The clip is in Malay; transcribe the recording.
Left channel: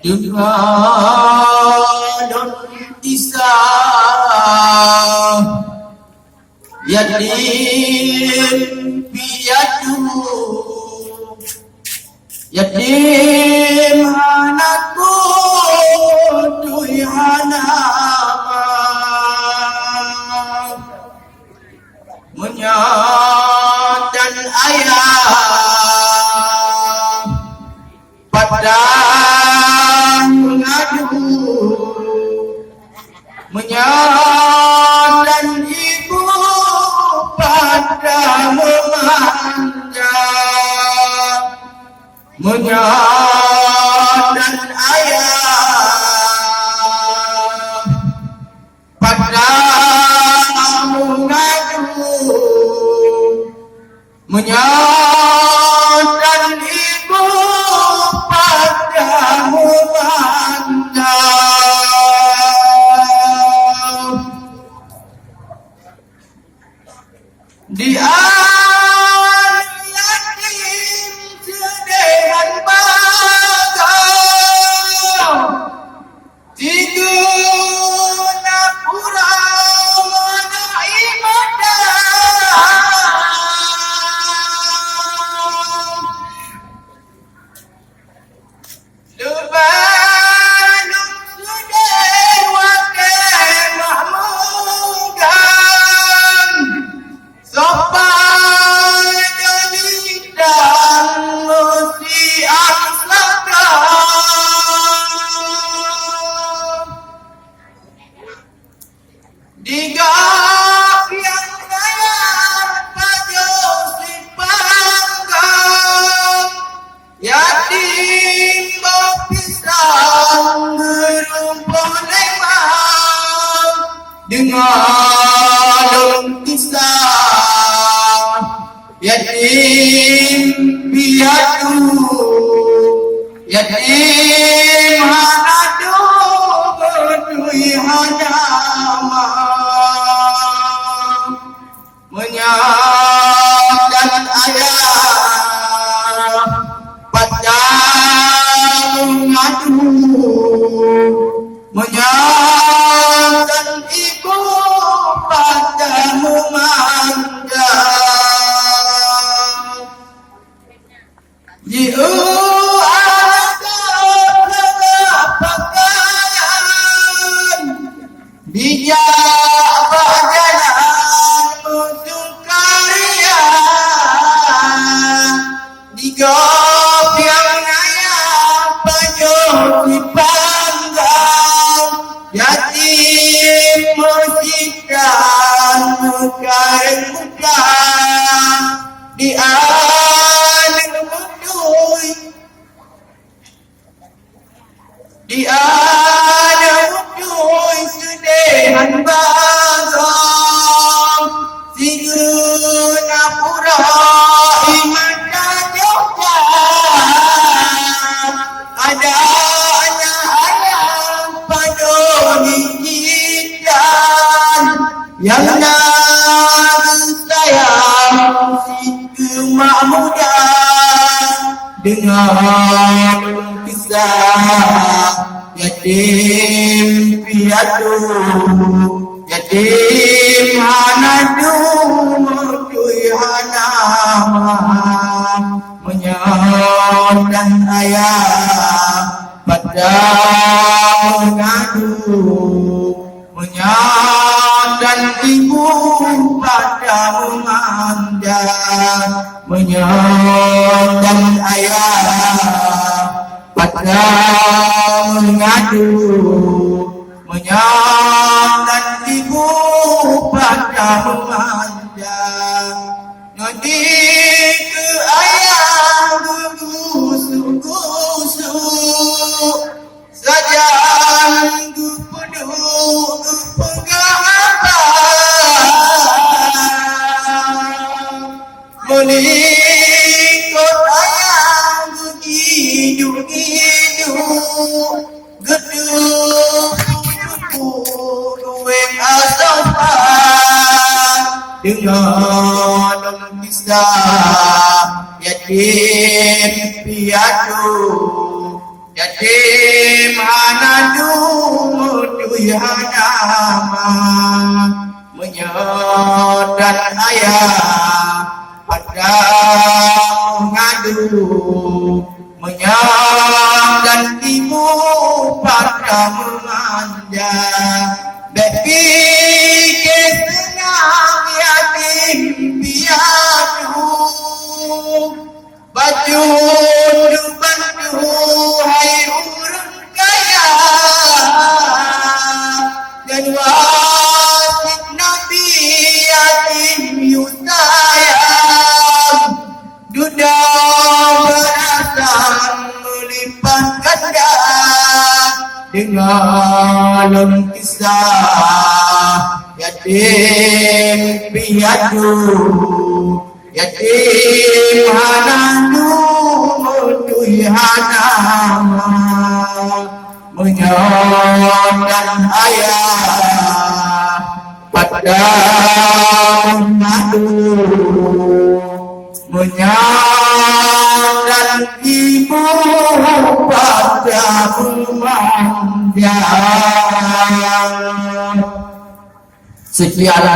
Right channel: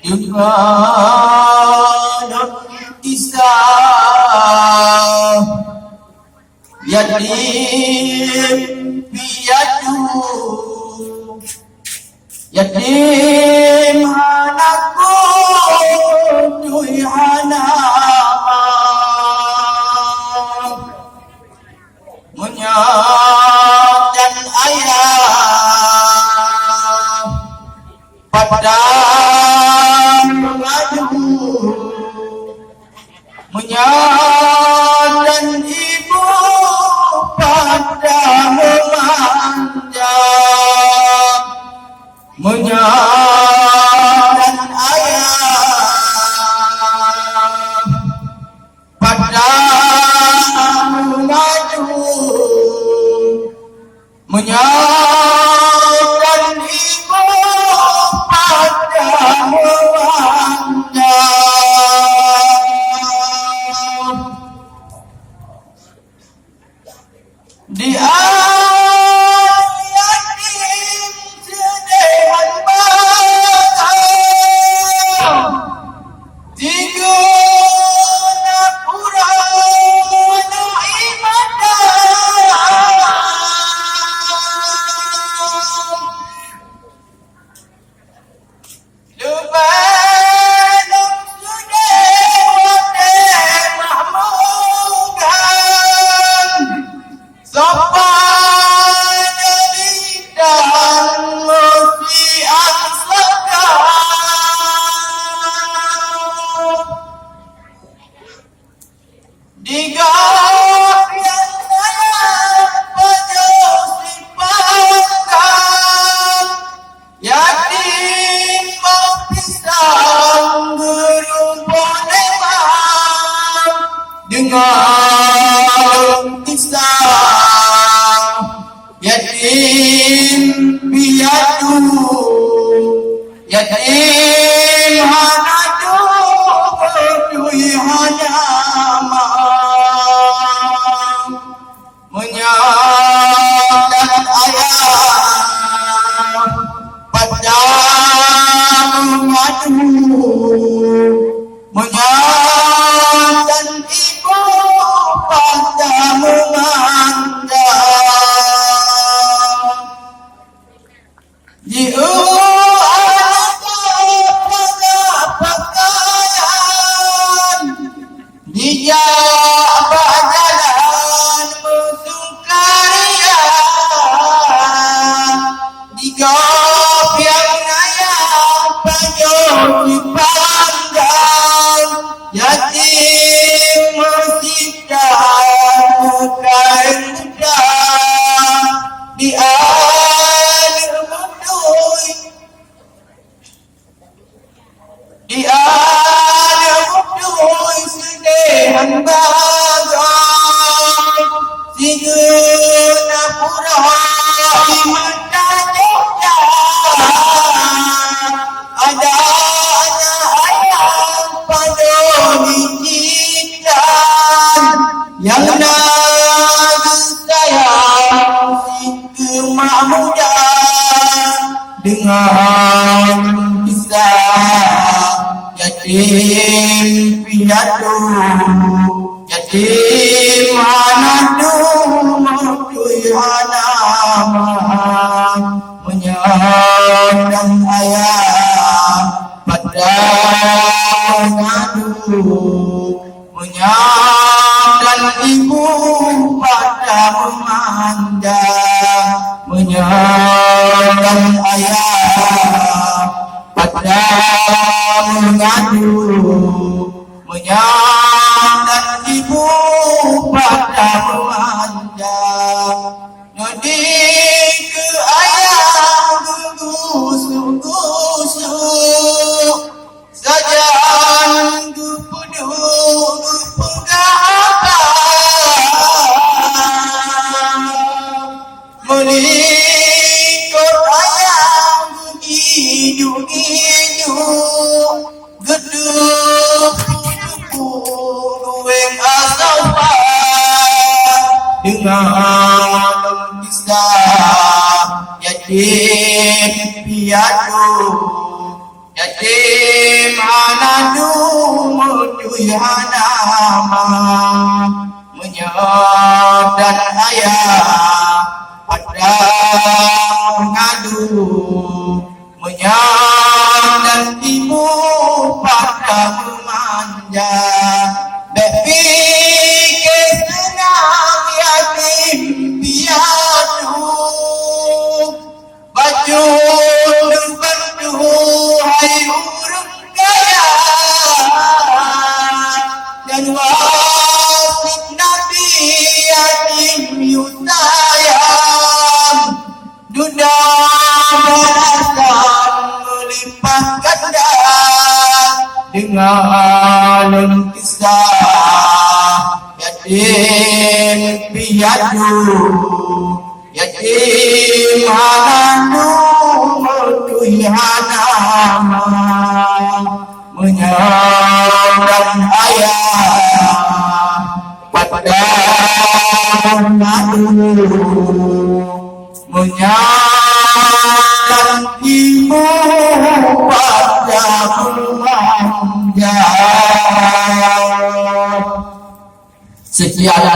Dengan kisah yatim piatu, yatim anakku tui anak menyat dan ayah padang mengadu, menyat dan ibu pada memanja, menyat dan ayah pada mengadu, menyat dan ibu pada memanja. Di yatim sedehan bagang, tiga napura mana ibadah, lebanong sudah wakil mahmugan, sampai jelitang mesti angsakan digap yang sayang pada si panggang, yatim berpisang berumpun emang dengan kisah yatim piatu, yatim hanadu berdui hanyama, menyat dan ayah pada mengadu, menyat dan ibu pada memanja. Jiu ada pakaian, dijak berjalan musuh karya, digap yang ayah panjang dipanggang, yatim masjid dan mekain muda, di alir mudui, di alir mudui sedehan bagang, tiga pura imanda Jogja, ada anak ayam pada dijidan, yang nak sayang si mak muda dengan kisah yatim piatu, yatim hanadu merdui hanama, menyat dan ayah pada mengadu, menyat dan ibu pada memanja, menyat dan ayah pada mengadu, menyat dan ibu pada memanja. Nadi ke ayah gugusuk-gusuk saja gupeduk pegatan, melikut ayah gidu-gidu geduk dueng asopan dengan kisah yatim piatu, yatim hanadu mudui hanama, menyadan ayah pada mengadu, menyadan ibu pada memanja. Berfikir senang yatim piatu, baju bantu hai urang kaya, dan wasit Nabi yatim yu sayang, dunia balasan melipat ganda dengan kisah yatim piatu, yatim hanadu mudui hanama, menyadan ayah pada mengadu, menyadan ibu pada memanja. Sekian